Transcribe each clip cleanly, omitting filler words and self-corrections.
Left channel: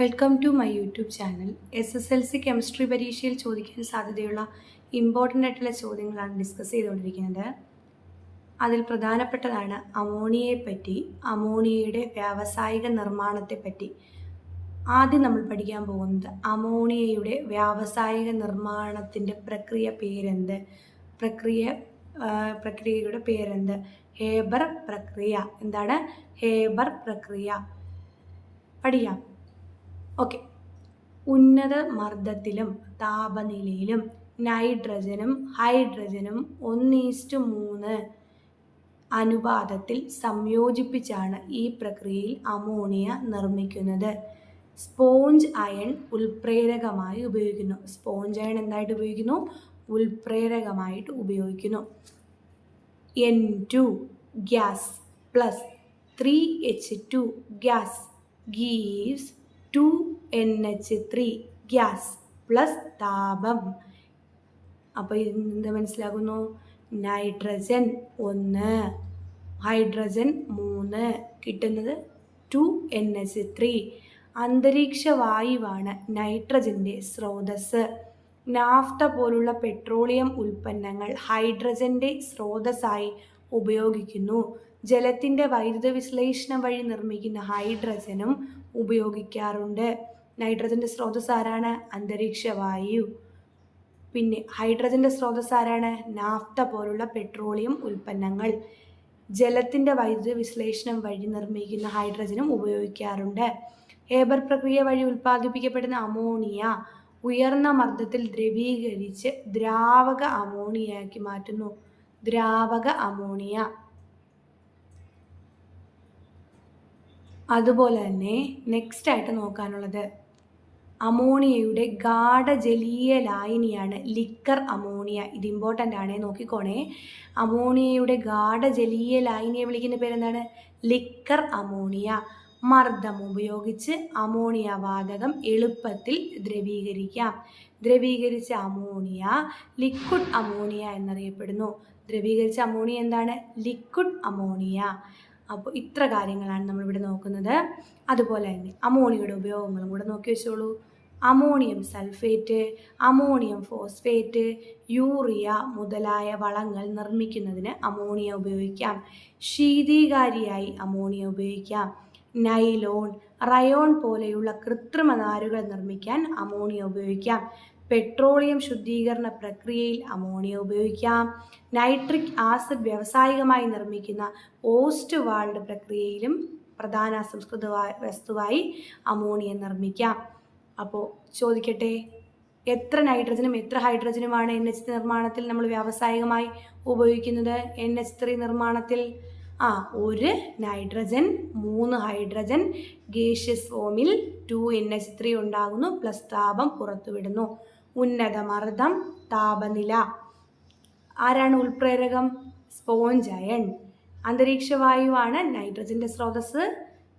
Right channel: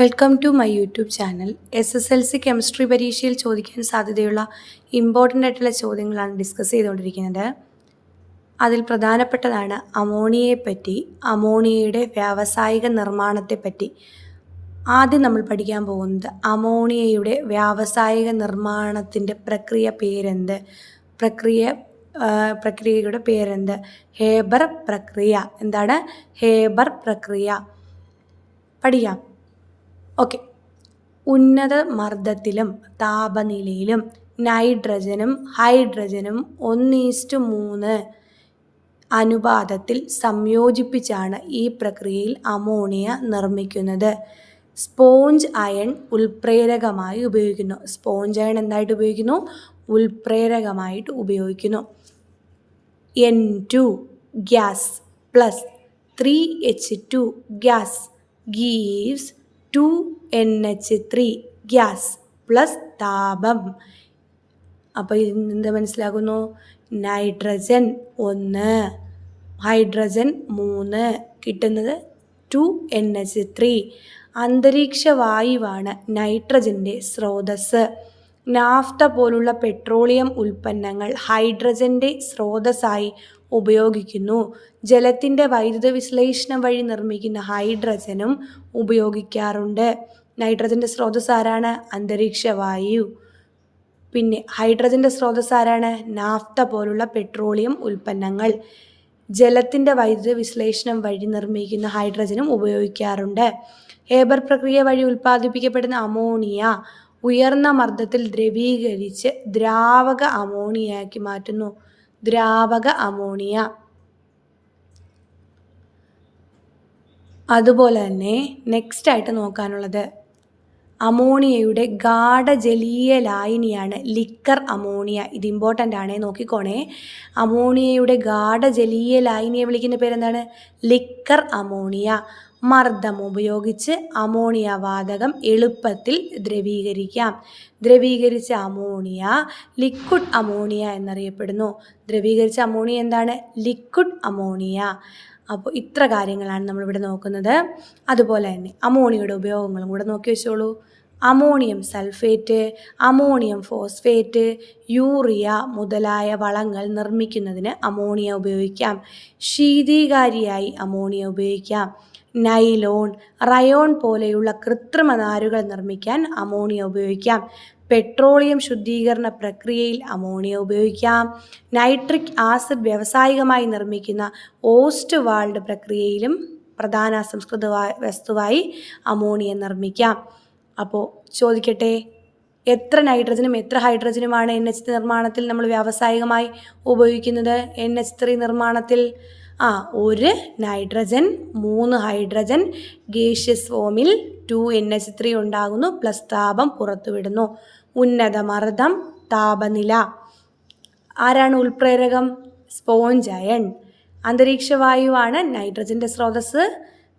Welcome to my YouTube channel. SSLC chemistry പരീക്ഷയിൽ ചോദിക്കാൻ സാധ്യതയുള്ള ഇമ്പോർട്ടൻ്റ് ആയിട്ടുള്ള ചോദ്യങ്ങളാണ് ഡിസ്കസ് ചെയ്തുകൊണ്ടിരിക്കുന്നത്. അതിൽ പ്രധാനപ്പെട്ടതാണ് അമോണിയയെപ്പറ്റി, അമോണിയയുടെ വ്യാവസായിക നിർമ്മാണത്തെപ്പറ്റി. ആദ്യം നമ്മൾ പഠിക്കാൻ പോകുന്നത് അമോണിയയുടെ വ്യാവസായിക നിർമ്മാണത്തിൻ്റെ പ്രക്രിയ പേരെന്ത്? പ്രക്രിയയുടെ പേരെന്ത്? ഹേബർ പ്രക്രിയ. എന്താണ് ഹേബർ പ്രക്രിയ? പഠിക്കാം. ഓക്കെ. ഉന്നത മർദ്ദത്തിലും താപനിലയിലും നൈട്രജനും ഹൈഡ്രജനും 1:3 അനുപാതത്തിൽ സംയോജിപ്പിച്ചാണ് ഈ പ്രക്രിയയിൽ അമോണിയ നിർമ്മിക്കുന്നത്. സ്പോഞ്ച് അയൺ ഉൽപ്രേരകമായി ഉപയോഗിക്കുന്നു. സ്പോഞ്ച് അയൺ എന്തായിട്ട് ഉപയോഗിക്കുന്നു? ഉൽപ്രേരകമായിട്ട് ഉപയോഗിക്കുന്നു. N2 gas plus 3H2 gas gives 2NH3 gas plus താപം. അപ്പോൾ എന്താ മനസ്സിലാകുന്നു? നൈട്രജൻ 1, ഹൈഡ്രജൻ 3, കിട്ടുന്നത് 2NH3. അന്തരീക്ഷ വായുവാണ് നൈട്രജൻ്റെ സ്രോതസ്സ്. നാഫ്ത പോലുള്ള പെട്രോളിയം ഉൽപ്പന്നങ്ങൾ ഹൈഡ്രജൻ്റെ സ്രോതസ്സായി ഉപയോഗിക്കുന്നു. ജലത്തിൻ്റെ വൈദ്യുത വിശ്ലേഷണം വഴി നിർമ്മിക്കുന്ന ഹൈഡ്രജനും ഉപയോഗിക്കാറുണ്ട്. നൈട്രജൻ്റെ സ്രോതസ്സ് ആരാണ്? അന്തരീക്ഷ വായു. പിന്നെ ഹൈഡ്രജൻ്റെ സ്രോതസ്സ് ആരാണ്? നാഫ്ത പോലുള്ള പെട്രോളിയം ഉൽപ്പന്നങ്ങൾ. ജലത്തിൻ്റെ വൈദ്യുത വിശ്ലേഷണം വഴി നിർമ്മിക്കുന്ന ഹൈഡ്രജനും ഉപയോഗിക്കാറുണ്ട്. ഹേബർ പ്രക്രിയ വഴി ഉൽപ്പാദിപ്പിക്കപ്പെടുന്ന അമോണിയ ഉയർന്ന മർദ്ദത്തിൽ ദ്രവീകരിച്ച് ദ്രാവക അമോണിയയാക്കി മാറ്റുന്നു. ദ്രാവക അമോണിയ. അതുപോലെ തന്നെ നെക്സ്റ്റ് ആയിട്ട് നോക്കാനുള്ളത് അമോണിയയുടെ ഗാഢജലീയ ലായനിയാണ് ലിക്കർ അമോണിയ. ഇത് ഇമ്പോർട്ടൻ്റ് ആണേ, നോക്കിക്കോണേ. അമോണിയയുടെ ഗാഢജലീയ ലായനിയെ വിളിക്കുന്ന പേരെന്താണ്? Liquor ammonia. മർദ്ദം ഉപയോഗിച്ച് അമോണിയ വാതകം എളുപ്പത്തിൽ ദ്രവീകരിക്കാം. ദ്രവീകരിച്ച അമോണിയ ലിക്വിഡ് അമോണിയ എന്നറിയപ്പെടുന്നു. ദ്രവീകരിച്ച അമോണിയ എന്താണ്? Liquid ammonia. അപ്പോൾ ഇത്ര കാര്യങ്ങളാണ് നമ്മളിവിടെ നോക്കുന്നത്. അതുപോലെ തന്നെ അമോണിയയുടെ ഉപയോഗങ്ങളും കൂടെ നോക്കി വെച്ചോളൂ. Ammonium sulphate, ammonium phosphate, urea മുതലായ വളങ്ങൾ നിർമ്മിക്കുന്നതിന് അമോണിയ ഉപയോഗിക്കാം. ശീതീകാരിയായി അമോണിയ ഉപയോഗിക്കാം. നൈലോൺ, റയോൺ പോലെയുള്ള കൃത്രിമ നാരുകൾ നിർമ്മിക്കാൻ അമോണിയ ഉപയോഗിക്കാം. പെട്രോളിയം ശുദ്ധീകരണ പ്രക്രിയയിൽ അമോണിയ ഉപയോഗിക്കാം. നൈട്രിക് ആസിഡ് വ്യാവസായികമായി നിർമ്മിക്കുന്ന ഓസ്റ്റ് വാൾഡ് പ്രക്രിയയിലും പ്രധാന അസംസ്കൃത വസ്തുവായി അമോണിയ നിർമ്മിക്കാം. അപ്പോൾ ചോദിക്കട്ടെ, എത്ര നൈട്രജനും എത്ര ഹൈഡ്രജനുമാണ് NH3 നിർമ്മാണത്തിൽ നമ്മൾ വ്യാവസായികമായി ഉപയോഗിക്കുന്നത്? NH3 നിർമ്മാണത്തിൽ 1 നൈട്രജൻ 3 ഹൈഡ്രജൻ ഗേഷ്യസ് ഫോമിൽ 2NH3 ഉണ്ടാകുന്നു, പ്ലസ് താപം പുറത്തുവിടുന്നു. ഉന്നത മർദ്ദം, താപനില. ആരാണ് ഉൽപ്രേരകം? Sponge iron. അന്തരീക്ഷ വായുവാണ് നൈട്രജൻ്റെ സ്രോതസ്സ്.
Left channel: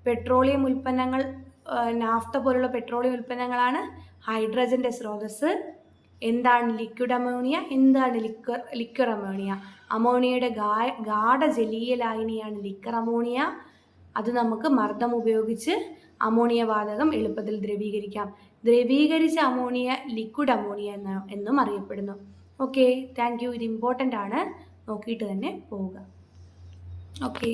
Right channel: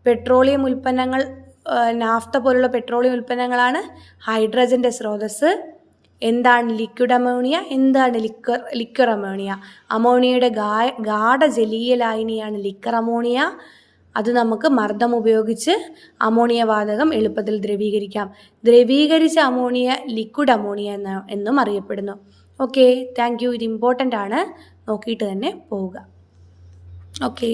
പെട്രോളിയം ഉൽപ്പന്നങ്ങൾ, നാഫ്ത പോലുള്ള പെട്രോളിയം ഉൽപ്പന്നങ്ങളാണ് ഹൈഡ്രജൻ്റെ സ്രോതസ്സ്. എന്താണ് ലിക്വിഡ് അമോണിയ? എന്താണ് ലിക്വർ അമോണിയ? അമോണിയയുടെ ഗാഢജലീയ ലായനിയാണ് ലിക്വർ അമോണിയ. അത് നമുക്ക് മർദ്ദം ഉപയോഗിച്ച് അമോണിയ വാതകം എളുപ്പത്തിൽ ദ്രവീകരിക്കാം. ദ്രവീകരിച്ച അമോണിയ ലിക്വിഡ് അമോണിയ എന്നും അറിയപ്പെടുന്നു. Okay, thank you. ഇത് ഇമ്പോർട്ടൻ്റ് ആണ്, നോക്കിയിട്ട് തന്നെ പോവുക. ഓക്കെ.